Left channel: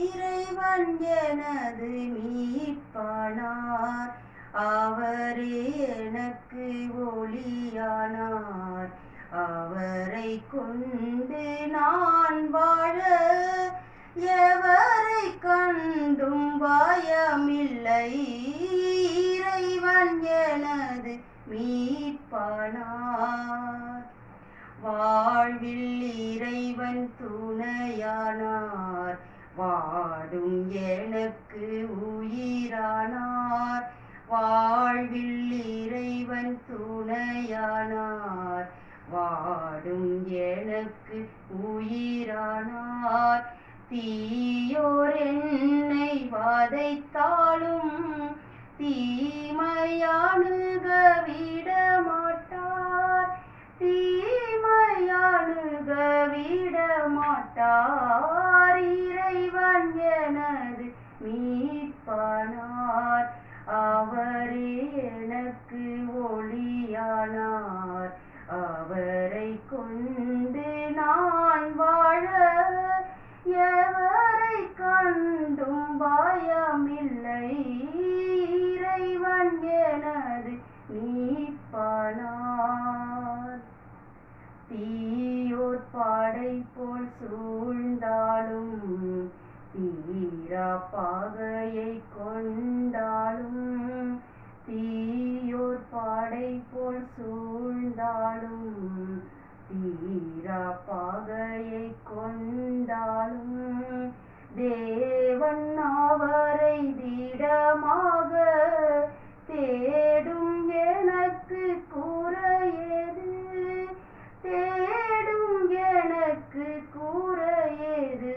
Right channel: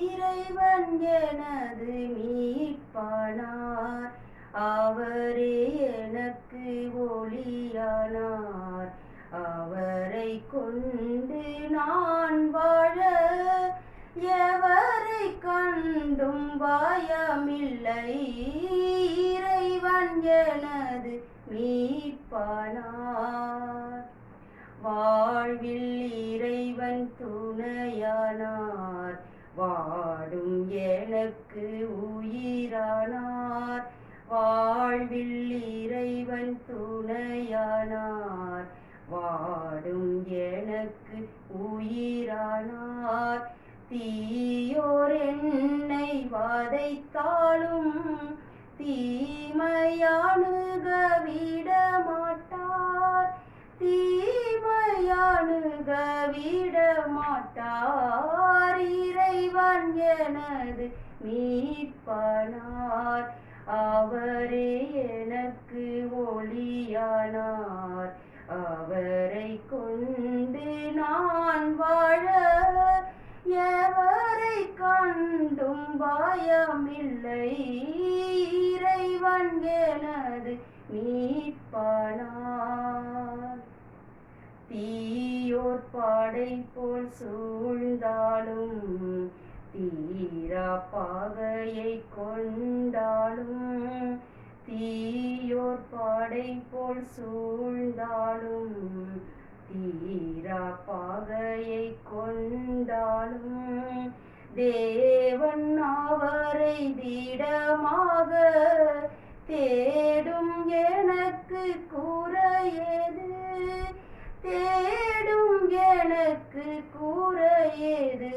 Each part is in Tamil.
இறைவன் எனது மீட்பானார். அவரே எனக்கு ஒளியானார். அவரை கொண்டு நான் தீயோர் என்னை வாதைத்தாலும் தீமையானுக விட மாட்டார் தீமையானுக விட மாட்டார் இறைவன் எனது மீட்பனார். அவரே பாடை போல் சூழ்ந்தாலும் தீரா பாகையை கொண்டாலும் தீயோர் பாடை போல் சூழ்ந்தாலும் தீரா பாகையை கொண்டாலும் தேவன் அவரை திடமாக தே எனக்கு கூற ஏது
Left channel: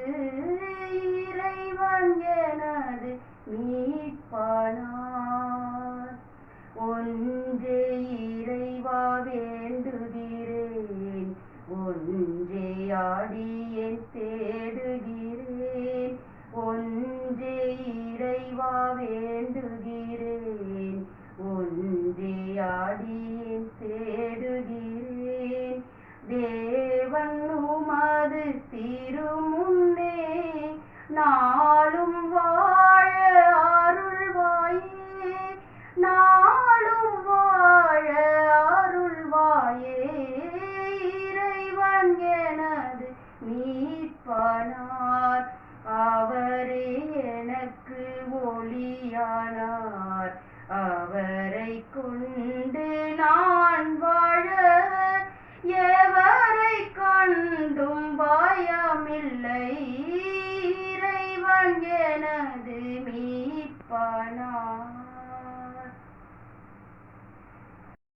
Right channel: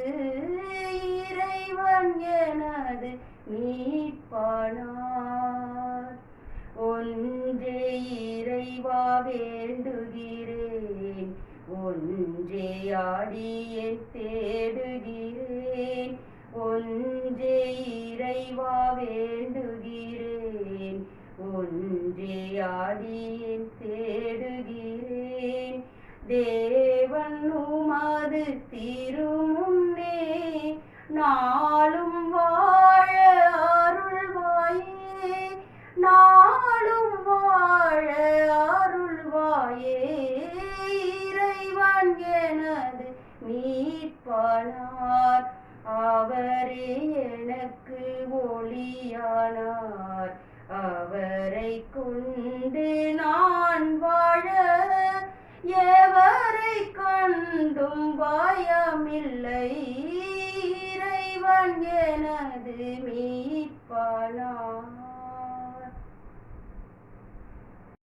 இறைவன் எனது மீட்பானார். ஒன்றே இறைவா வேண்டுகிறேன். ஒன்றே ஆடியேன் தேடுகிறேன். ஒன்றே இறைவா வேண்டுகிறேன். ஒன்றே ஆடியேன் தேடுகிறேன். தே திருமுன்னே நாளும் வாழ அருள்வாயே. நாளும் வாழ அருள்வாயே. இறைவன் எனது மீட்பனார். அவரே கண்டும் பயமில்லை. இறைவன் எனது